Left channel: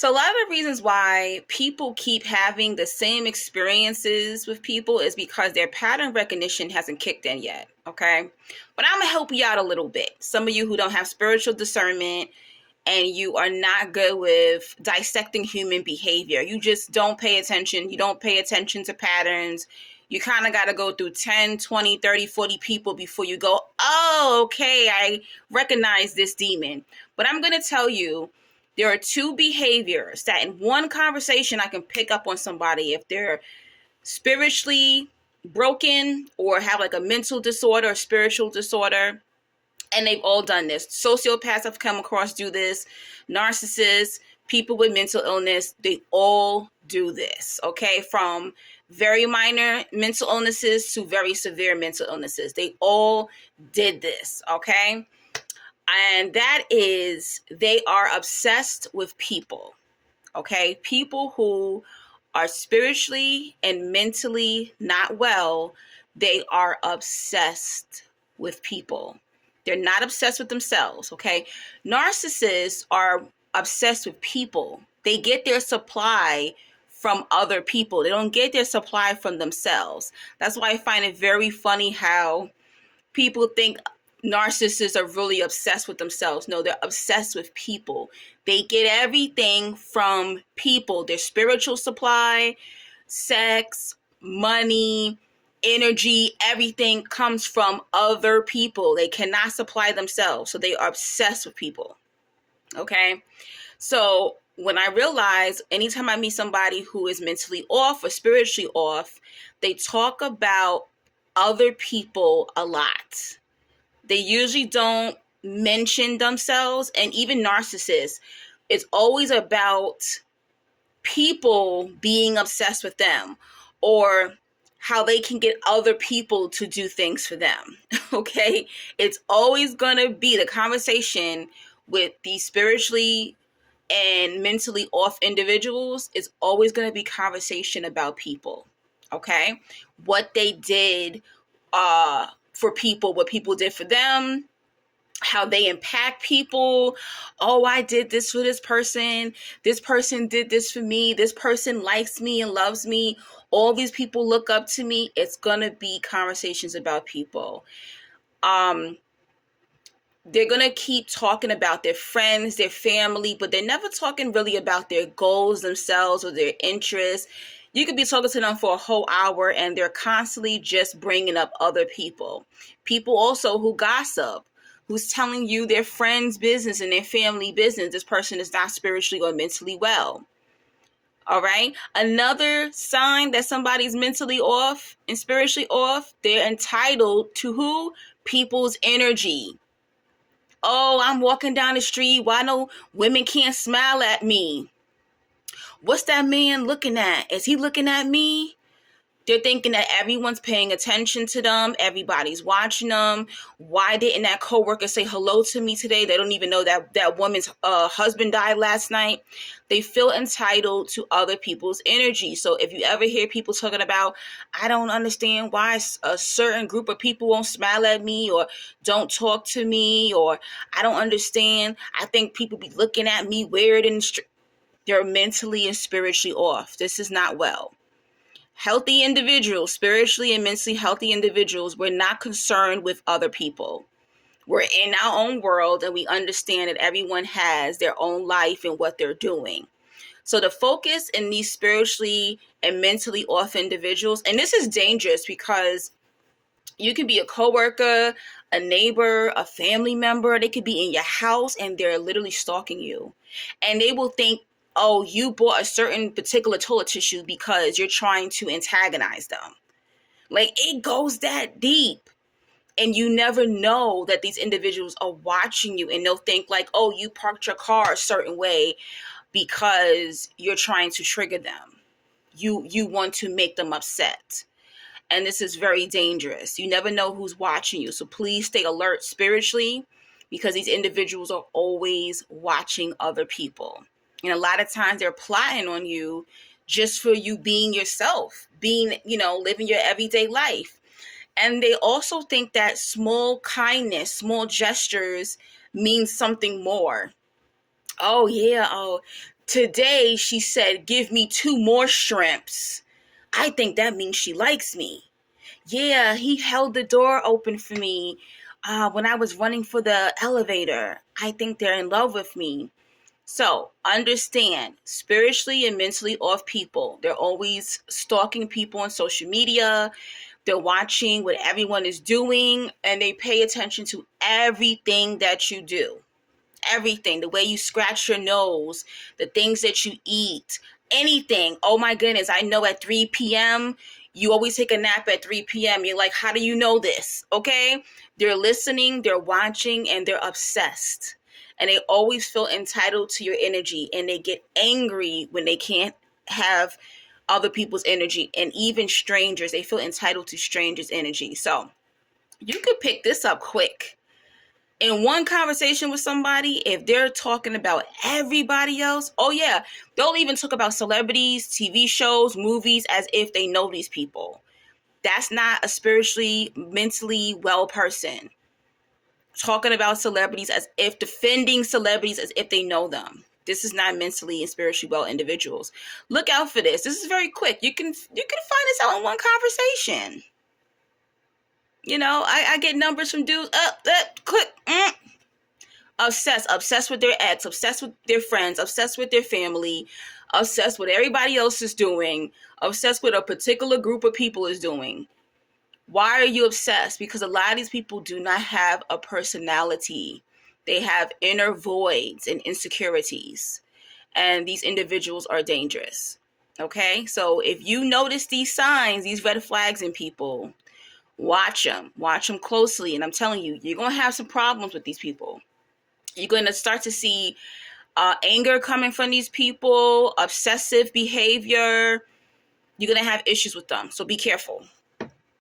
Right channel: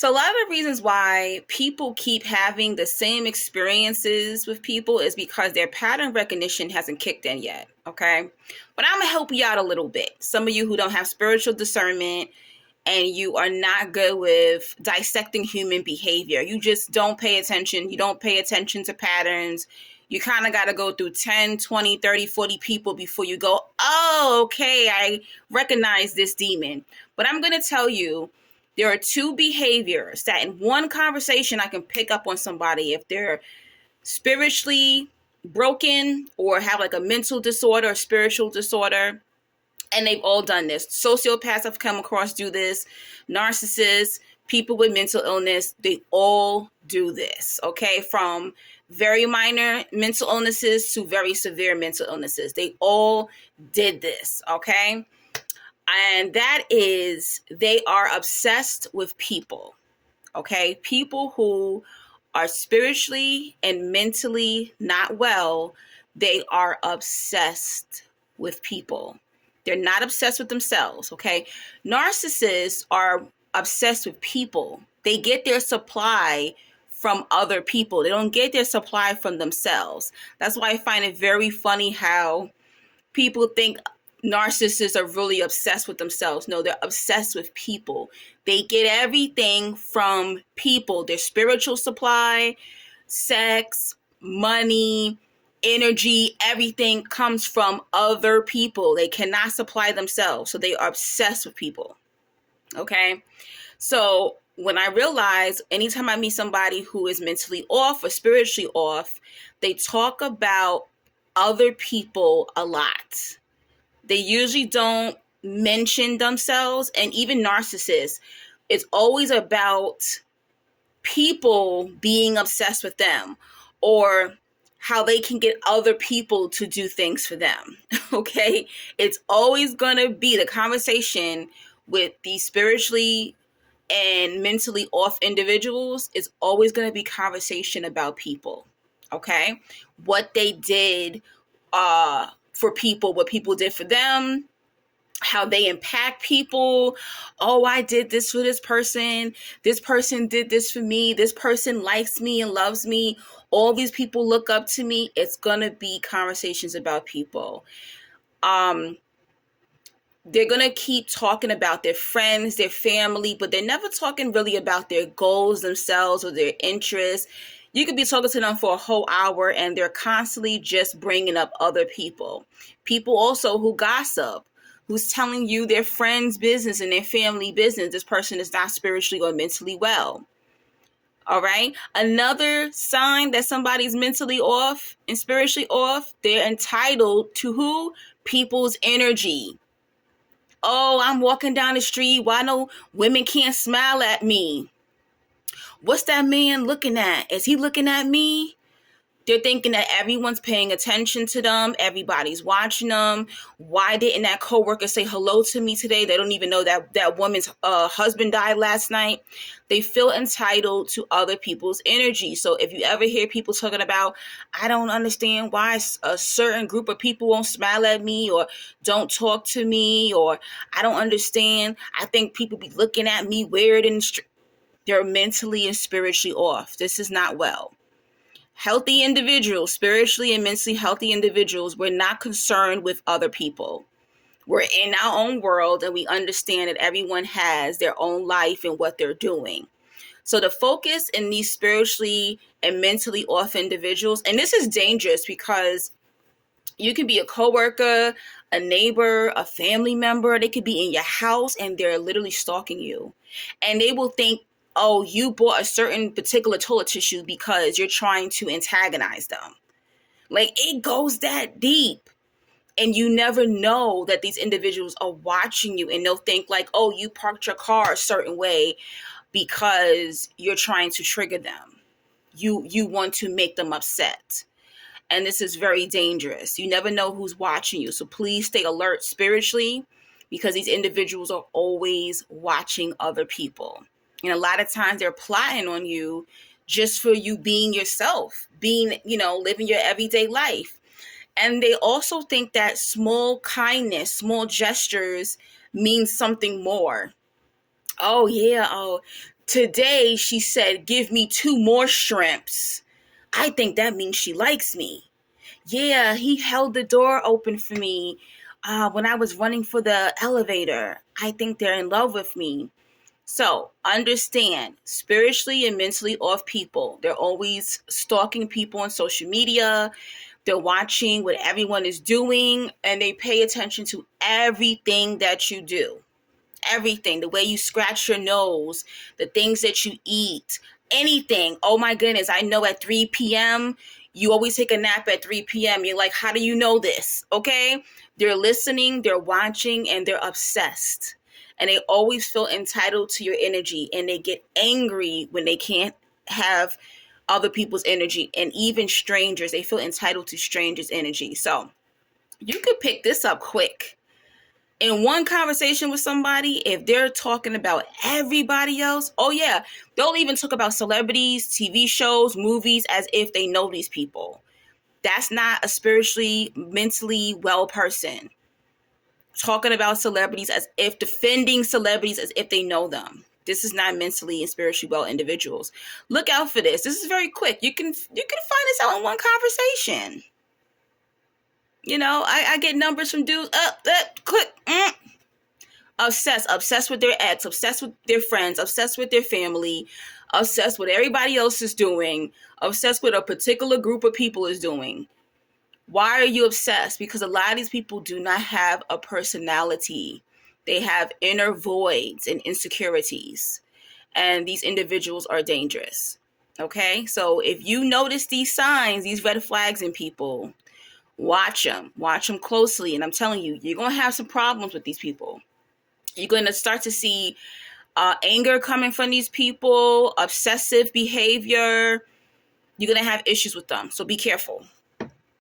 So a lot of the reasons why people keep having the same experiences with people is because their pattern recognition hasn't kicked in yet, okay? But I'm going to help you out a little bit. Some of you who don't have spiritual discernment and you are not good with dissecting human behavior. You just don't pay attention. You don't pay attention to patterns. You kind of got to go through 10, 20, 30, 40 people before you go, oh, okay, I recognize this demon. But I'm going to tell you, there are two behaviors that in one conversation I can pick up on somebody if they're spiritually broken or have like a mental disorder or spiritual disorder. And they've all done this. Sociopaths I've come across do this. Narcissists, people with mental illness, they all do this, okay? From very minor mental illnesses to very severe mental illnesses. They all did this, okay? And that is, they are obsessed with people, okay? People who are spiritually and mentally not well, they are obsessed with people. They're not obsessed with themselves, okay? Narcissists are obsessed with people. They get their supply from other people. They don't get their supply from themselves. That's why I find it very funny how people think narcissists are really obsessed with themselves. No, they're obsessed with people. They get everything from people. Their spiritual supply, sex, money, energy, everything comes from other people. They cannot supply themselves. So they are obsessed with people. Okay? So when I realize anytime I meet somebody who is mentally off or spiritually off, they talk about other people a lot. They usually don't mention themselves, and even narcissists, it's always about people being obsessed with them or how they can get other people to do things for them, okay? It's always going to be the conversation with these spiritually and mentally off individuals. It's always going to be conversation about people, okay? What they did for people, what people did for them, how they impact people. Oh, I did this for this person. This person did this for me. This person likes me and loves me. All these people look up to me. It's going to be conversations about people. They're going to keep talking about their friends, their family, but they're never talking really about their goals themselves or their interests. You could be talking to them for a whole hour and they're constantly just bringing up other people. People also who gossip, who's telling you their friend's business and their family business. This person is not spiritually or mentally well. All right. Another sign that somebody's mentally off and spiritually off, they're entitled to who? People's energy. Oh, I'm walking down the street. Why no women can't smile at me? What's that man looking at? Is he looking at me? They're thinking that everyone's paying attention to them. Everybody's watching them. Why didn't that coworker say hello to me today? They don't even know that woman's husband died last night. They feel entitled to other people's energy. So if you ever hear people talking about, I don't understand why a certain group of people won't smile at me or don't talk to me, or I don't understand. I think people be looking at me weird and they're mentally and spiritually off. This is not well. Healthy individuals, spiritually and mentally healthy individuals, we're not concerned with other people. We're in our own world and we understand that everyone has their own life and what they're doing. So the focus in these spiritually and mentally off individuals, and this is dangerous because you can be a coworker, a neighbor, a family member. They could be in your house and they're literally stalking you. And they will think, oh, you bought a certain particular toilet tissue because you're trying to antagonize them. Like, it goes that deep. And you never know that these individuals are watching you, and they'll think like, oh, you parked your car a certain way because you're trying to trigger them. You want to make them upset. And this is very dangerous. You never know who's watching you. So please stay alert spiritually, because these individuals are always watching other people. And a lot of times they're plotting on you just for you being yourself, living your everyday life. And they also think that small kindness, small gestures mean something more. Oh, yeah. Oh, Today, she said, give me 2 more shrimps. I think that means she likes me. Yeah, he held the door open for me when I was running for the elevator. I think they're in love with me. So understand, spiritually and mentally off people, they're always stalking people on social media. They're watching what everyone is doing, and they pay attention to everything that you do. Everything, the way you scratch your nose, the things that you eat, anything. Oh my goodness, I know at 3 p.m. you always take a nap at 3 p.m. You're like, how do you know this? Okay? They're listening, they're watching, and they're obsessed. And they always feel entitled to your energy, and they get angry when they can't have other people's energy, and even strangers. They feel entitled to strangers' energy. So you could pick this up quick. In one conversation with somebody, if they're talking about everybody else, oh yeah, they'll even talk about celebrities, TV shows, movies, as if they know these people. That's not a spiritually, mentally well person. Talking about celebrities as if, defending celebrities as if they know them. This is not mentally and spiritually well individuals. Look out for this. This is very quick. You can find this out in one conversation. You know, I get numbers from dudes, click, obsessed with their ex, obsessed with their friends, obsessed with their family, obsessed with everybody else is doing, obsessed with a particular group of people is doing. Why are you obsessed? Because a lot of these people do not have a personality. They have inner voids and insecurities, and these individuals are dangerous. Okay, so if you notice these signs, these red flags in people, watch them closely. And I'm telling you, you're going to have some problems with these people. You're going to start to see anger coming from these people, obsessive behavior. You're going to have issues with them. So be careful.